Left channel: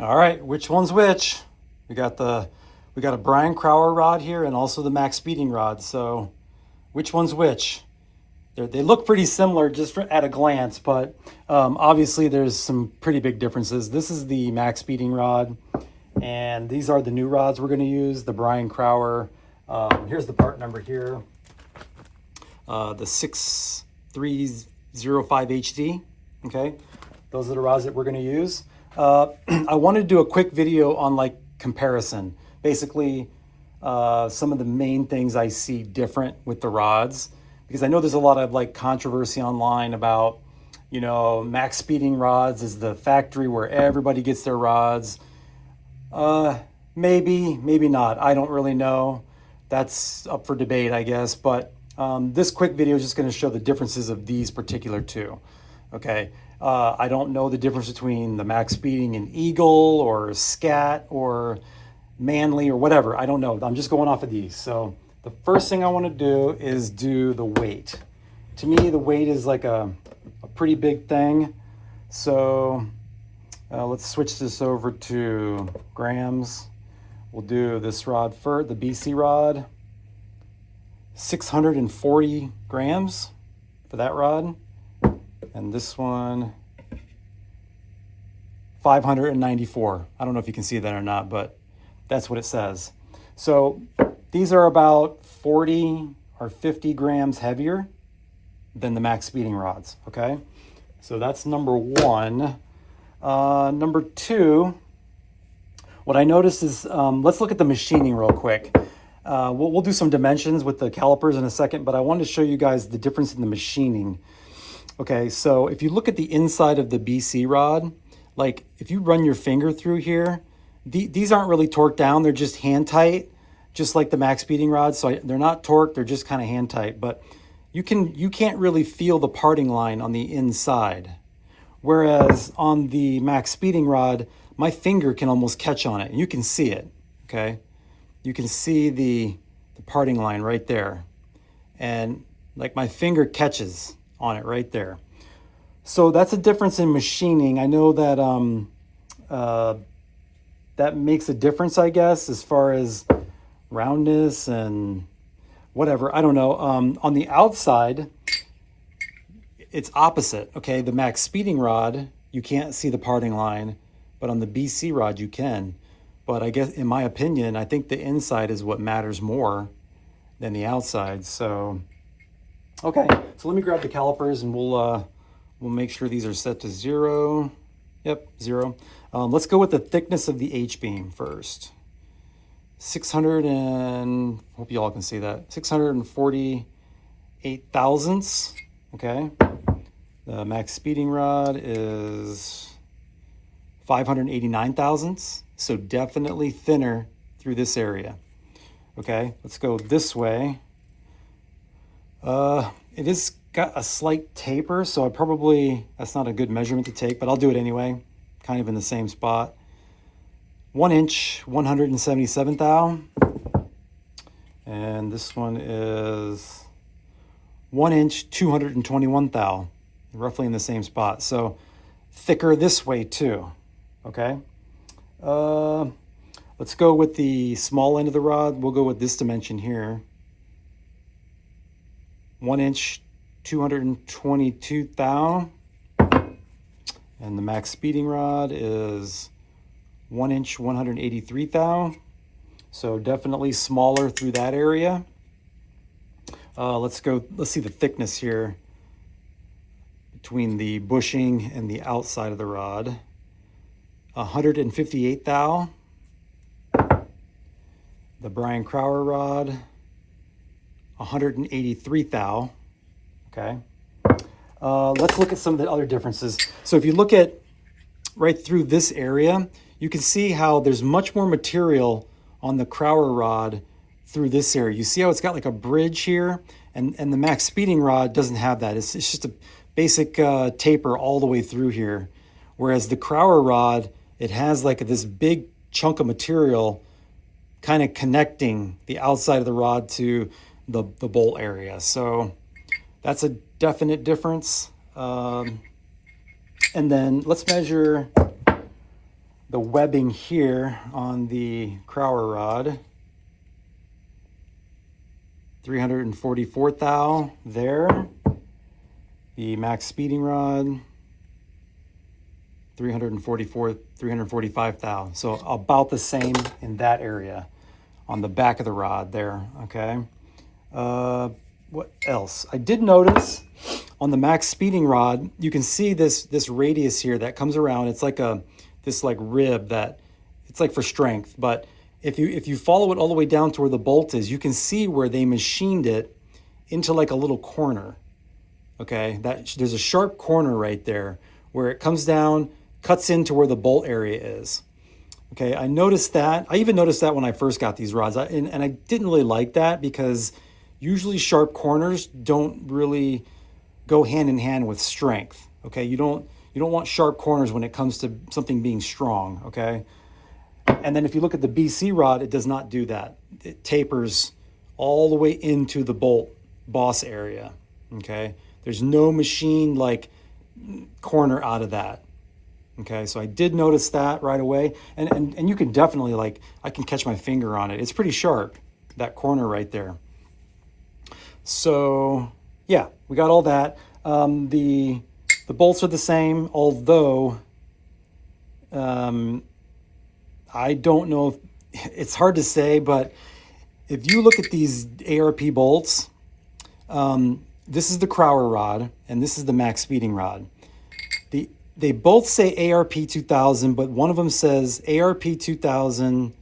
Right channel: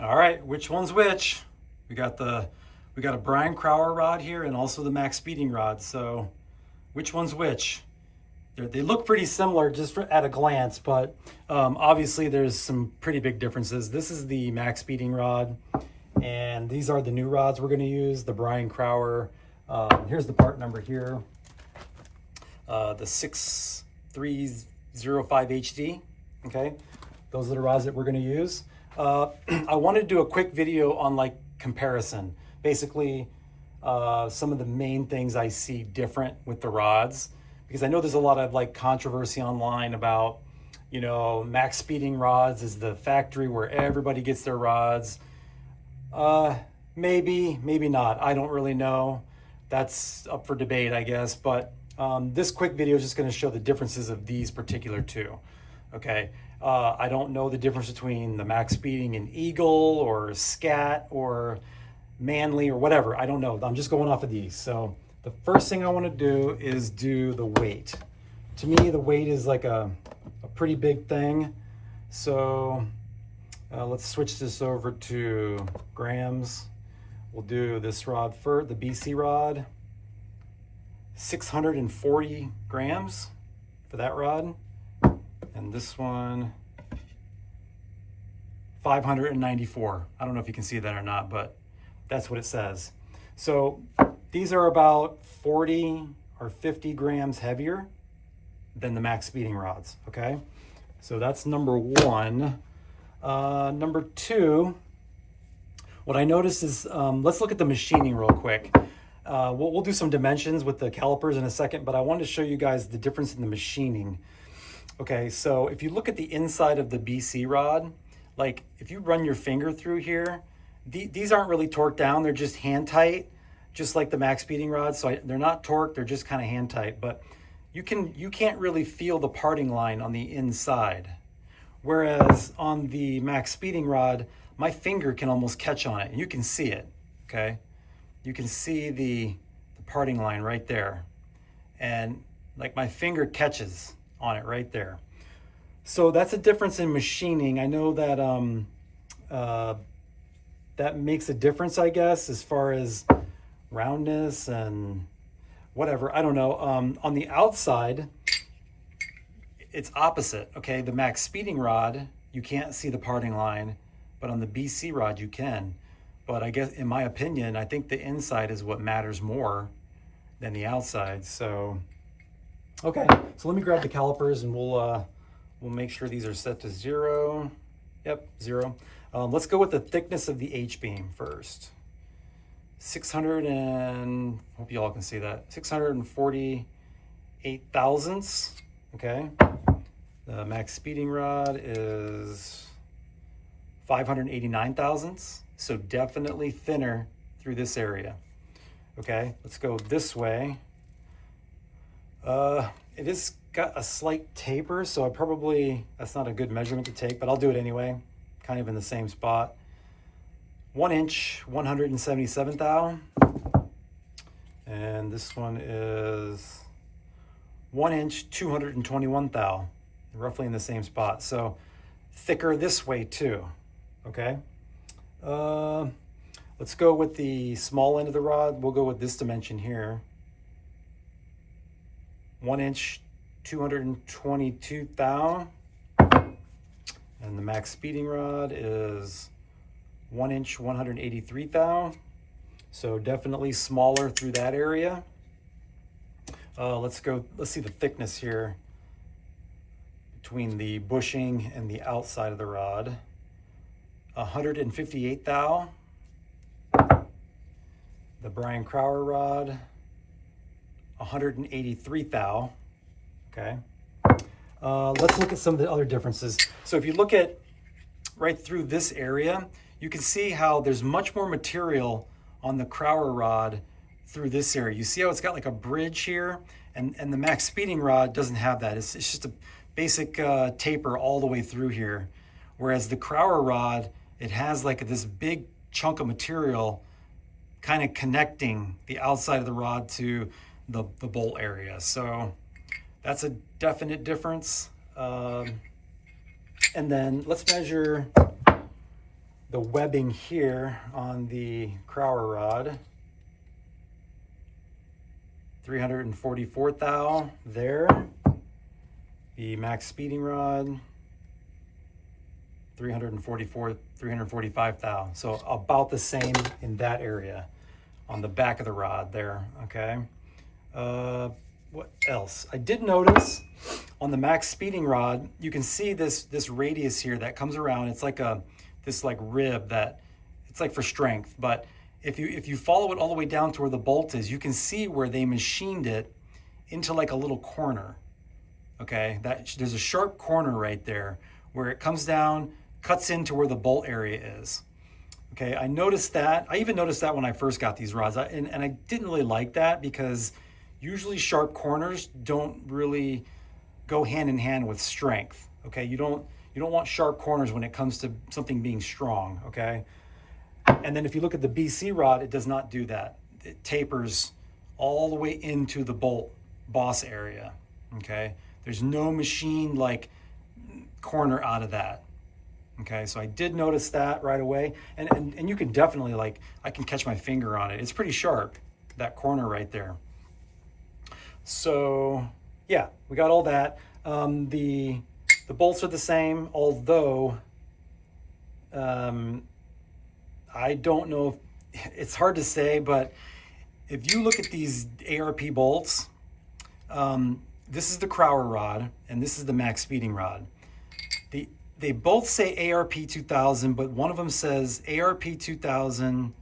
All right, which one's which? We got a Brian Crower rod here and also the MaxPeeding rod. So which one's which? They look pretty similar just at a glance, but obviously there's some pretty big differences. This is the MaxPeeding rod, and these are the new rods we're going to use, the Brian Crower. Here's the part number here, the 6305HD. Okay, those are the rods that we're going to use. I wanted to do a quick video on like comparison, basically some of the main things I see different with the rods, because I know there's a lot of like controversy online about, you know, MaxPeeding rods is the factory where everybody gets their rods. Maybe not. I don't really know. That's up for debate, I guess. But this quick video is just going to show the differences of these particular two. Okay. I don't know the difference between the MaxPeeding and Eagle or Scat or Manly or whatever. I don't know. I'm just going off of these. So the first thing I want to do is do the weight. To me, the weight is like a pretty big thing. So let's switch this over to grams. We'll do this rod first, the BC rod, 640 grams for that rod. And this one, 594. I don't know if you can see that or not, but that's what it says. So these are about 40 or 50 grams heavier than the MaxPeeding rods, okay? So that's number one. Number two, what I noticed is, let's look at the machining real quick. We'll do some dimensions with the calipers in a second, but I wanted to show you guys the difference in the machining. Okay, so if you look at the inside of the BC rod, like if you run your finger through here, these aren't really torqued down, they're just hand tight, just like the MaxPeeding rods. So they're not torqued, they're just kind of hand tight, but you can't really feel the parting line on the inside. Whereas on the MaxPeeding rod, my finger can almost catch on it, and you can see it, okay? You can see the parting line right there. And like my finger catches on it right there. So that's a difference in machining. I know that that makes a difference, I guess, as far as roundness and whatever. I don't know. On the outside, it's opposite. Okay, the MaxPeeding rod, you can't see the parting line, but on the BC rod you can. But I guess, in my opinion, I think the inside is what matters more than the outside. So okay, so let me grab the calipers and we'll make sure these are set to 0. Yep, 0. Let's go with the thickness of the H-beam first. 600 and, hope you all can see that, 648 thousandths, okay? The MaxPeeding rod is 589 thousandths, so definitely thinner through this area. Okay, let's go this way. It is got a slight taper, so that's not a good measurement to take, but I'll do it anyway, kind of in the same spot. 1 inch, 177 thou. And this one is 1 inch, 221 thou, roughly in the same spot. So thicker this way too, okay? Let's go with the small end of the rod. We'll go with this dimension here. 1 inch, 222 thou. And the MaxPeeding rod is 1 inch, 183 thou. So definitely smaller through that area. Let's see the thickness here between the bushing and the outside of the rod. 158 thou. The Brian Crower rod, 183 thou, okay? Let's look at some of the other differences. So if you look at right through this area, you can see how there's much more material on the Crower rod through this area. You see how it's got like a bridge here, and the MaxPeeding rod doesn't have that. It's just a basic taper all the way through here. Whereas the Crower rod, it has like this big chunk of material kind of connecting the outside of the rod to the bolt area. So that's a definite difference. And then let's measure the webbing here on the Crower rod, 344 thou there. The MaxPeeding rod, 345 thou. So about the same in that area on the back of the rod there, okay? What else? I did notice on the MaxPeeding rod, you can see this radius here that comes around. It's like this rib that it's like for strength, but if you follow it all the way down to where the bolt is, you can see where they machined it into like a little corner. Okay, there's a sharp corner right there where it comes down, cuts into where the bolt area is. Okay, I noticed that. I even noticed that when I first got these rods, and I didn't really like that because usually sharp corners don't really go hand in hand with strength. Okay, you don't want sharp corners when it comes to something being strong. Okay, and then if you look at the BC rod, it does not do that. It tapers all the way into the bolt boss area. Okay, there's no machine like corner out of that. Okay, so I did notice that right away, and you can definitely, like, I can catch my finger on it. It's pretty sharp, that corner right there. So yeah, we got all that. The bolts are the same, although I don't know if, it's hard to say, but if you look at these ARP bolts, this is the Crower rod and this is the MaxPeeding rod. They both say ARP 2000, but one of them says ARP 2000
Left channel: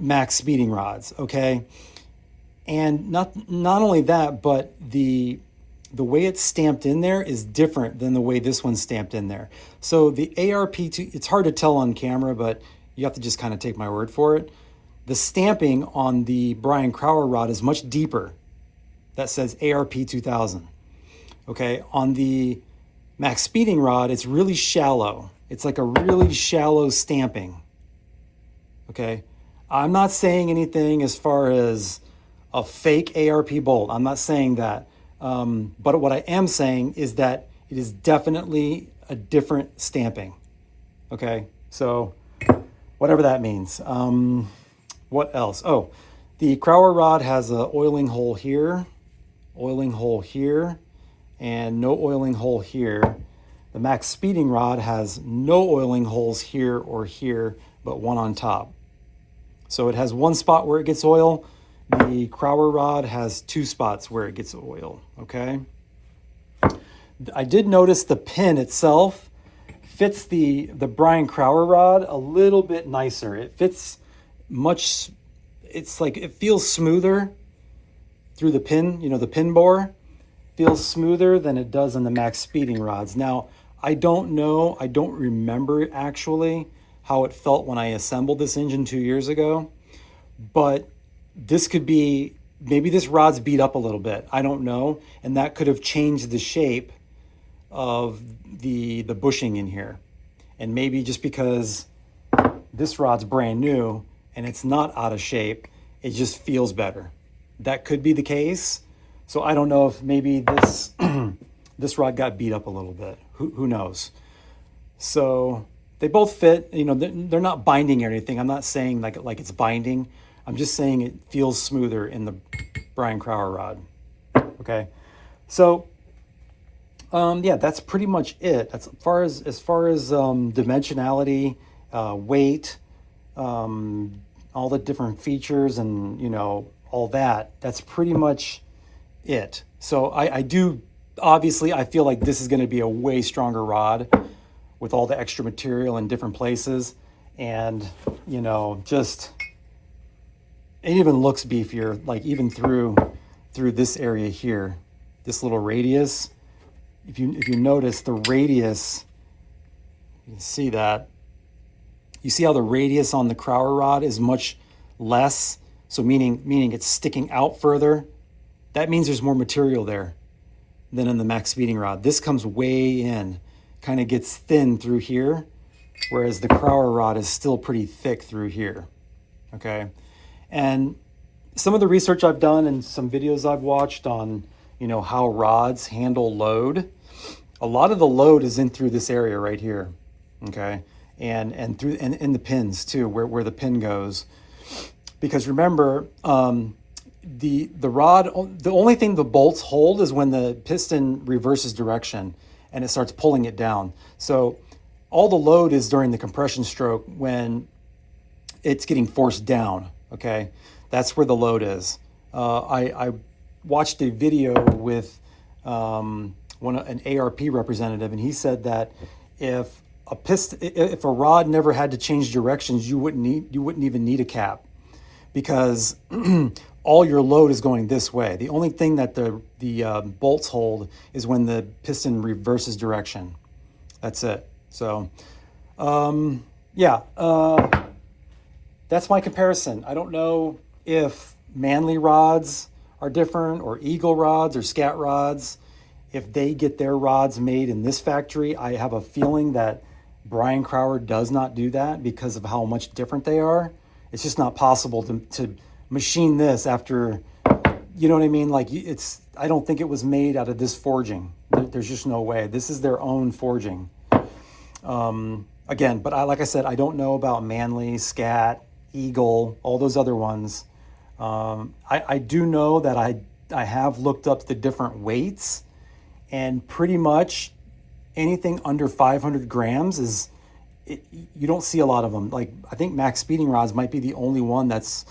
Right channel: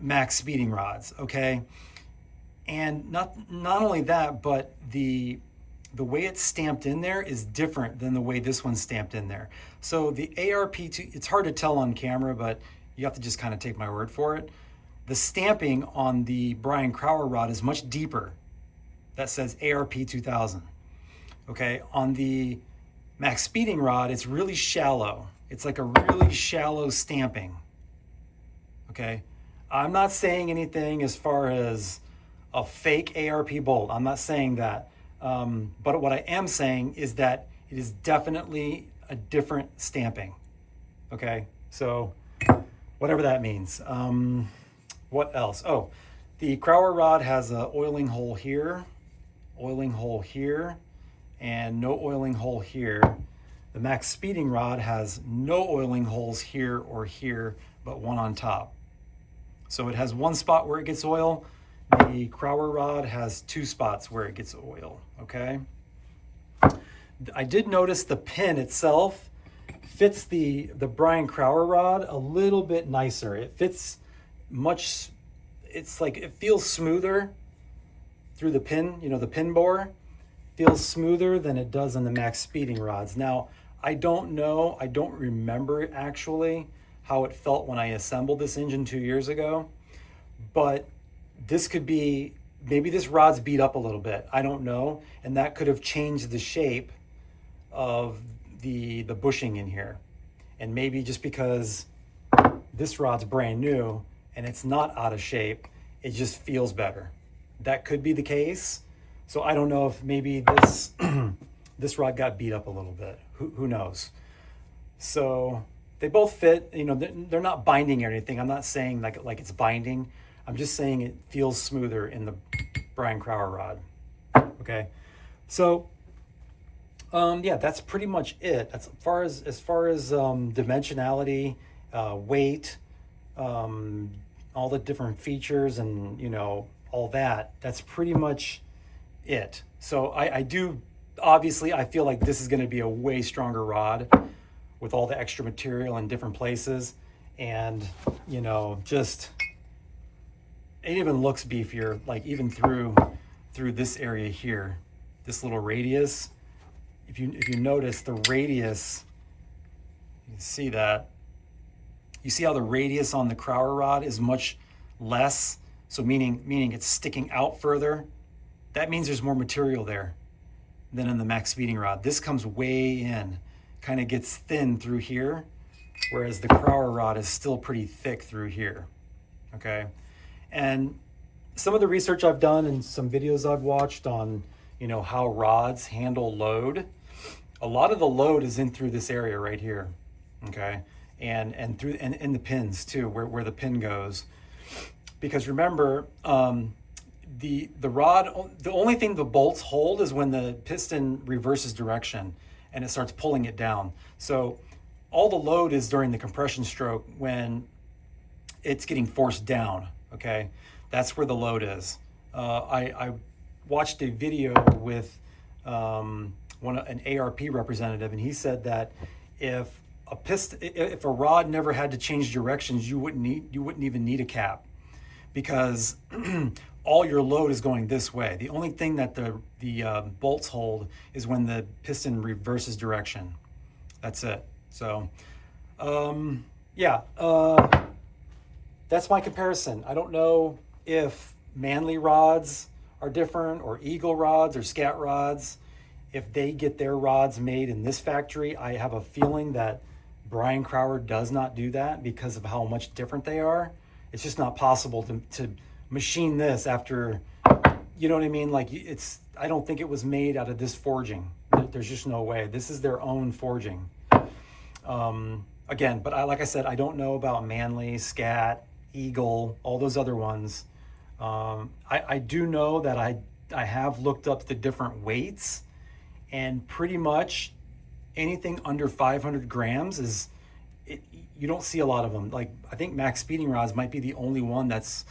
MaxPeeding rods, okay? And not only that, but the way it's stamped in there is different than the way this one's stamped in there. So the ARP, it's hard to tell on camera, but you have to just kind of take my word for it. The stamping on the Brian Crower rod is much deeper. That says ARP 2000. Okay, on the MaxPeeding rod, it's really shallow. It's like a really shallow stamping. Okay, I'm not saying anything as far as a fake ARP bolt. I'm not saying that. But what I am saying is that it is definitely a different stamping. Okay, so whatever that means. What else? Oh, the Crower rod has a oiling hole here, and no oiling hole here. The MaxPeeding rod has no oiling holes here or here, but one on top. So it has one spot where it gets oil. The Crower rod has two spots where it gets oil, okay? I did notice the pin itself fits the Brian Crower rod a little bit nicer. It fits much, it's like, it feels smoother through the pin, you know, the pin bore feels smoother than it does in the MaxPeeding rods. Now, I don't know, I don't remember actually how it felt when I assembled this engine 2 years ago, but this could be, maybe this rod's beat up a little bit, I don't know, and that could have changed the shape of the bushing in here. And maybe just because this rod's brand new and it's not out of shape, it just feels better. That could be the case. So I don't know if maybe this this rod got beat up a little bit. Who knows? So they both fit. You know, they're not binding or anything. I'm not saying like it's binding. I'm just saying it feels smoother in the Brian Crower rod. Okay, so yeah, that's pretty much it. That's as far as dimensionality, weight, all the different features, and you know, all that. That's pretty much it. So I do, obviously, I feel like this is going to be a way stronger rod with all the extra material in different places, and you know, just it even looks beefier, like even through this area here, this little radius. If you notice the radius, you can see that. You see how the radius on the Crower rod is much less, so meaning it's sticking out further. That means there's more material there than in the MaxPeeding rod. This comes way in, kind of gets thin through here, whereas the Crower rod is still pretty thick through here, okay? And some of the research I've done and some videos I've watched on, you know, how rods handle load, a lot of the load is in through this area right here, okay? and through in the pins too, where the pin goes. Because remember, the rod, the only thing the bolts hold is when the piston reverses direction and it starts pulling it down. So all the load is during the compression stroke when it's getting forced down, okay? That's where the load is. I watched a video with an ARP representative, and he said that if a rod never had to change directions, you wouldn't even need a cap, because all your load is going this way. The only thing that the bolts hold is when the piston reverses direction. That's it. So yeah, that's my comparison. I don't know if Manly rods are different, or Eagle rods, or Scat rods. If they get their rods made in this factory, I have a feeling that Brian Crower does not do that because of how much different they are. It's just not possible to machine this after, you know what I mean? Like, I don't think it was made out of this forging. There's just no way. This is their own forging. Again, but like I said, I don't know about Manly, Scat, Eagle, all those other ones. I do know that I have looked up the different weights, and pretty much anything under 500 grams you don't see a lot of them. Like, I think MaxPeeding rods might be the only one that's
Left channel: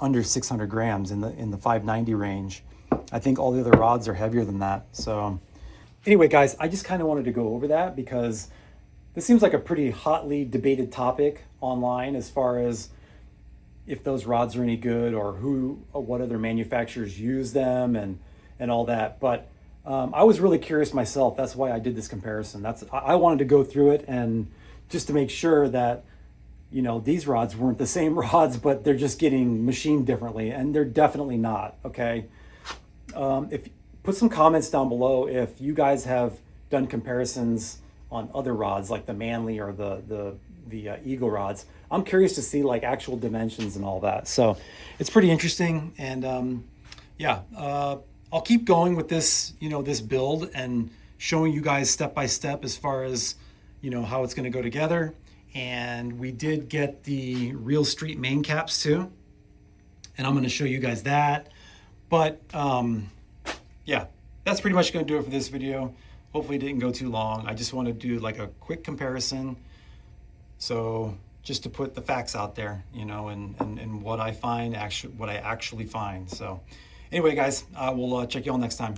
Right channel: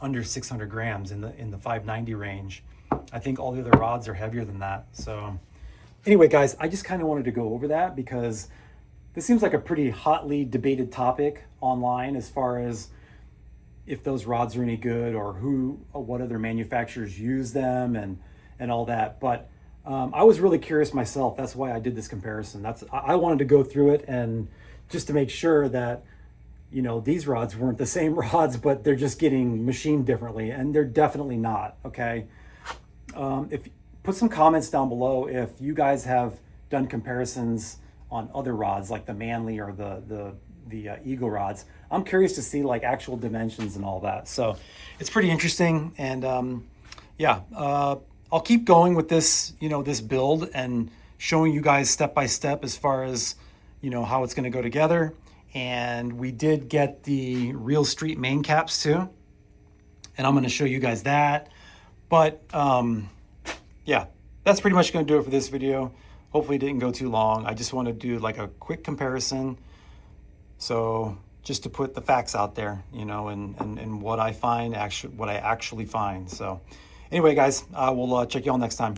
under 600 grams in the 590 range. I think all the other rods are heavier than that. So anyway, guys, I just kind of wanted to go over that because this seems like a pretty hotly debated topic online as far as if those rods are any good, or what other manufacturers use them, and all that. But I was really curious myself. That's why I did this comparison. I wanted to go through it, and just to make sure that, you know, these rods weren't the same rods, but they're just getting machined differently, and they're definitely not, okay? Put some comments down below if you guys have done comparisons on other rods, like the Manly or the Eagle rods. I'm curious to see like actual dimensions and all that. So it's pretty interesting. And yeah, I'll keep going with this, you know, this build, and showing you guys step by step as far as, you know, how it's going to go together. And we did get the Real Street main caps too, and I'm going to show you guys that. But yeah, that's pretty much going to do it for this video. Hopefully it didn't go too long. I just want to do like a quick comparison, so just to put the facts out there, you know, and what I find, what I actually find. So anyway, guys, we'll check you all next time.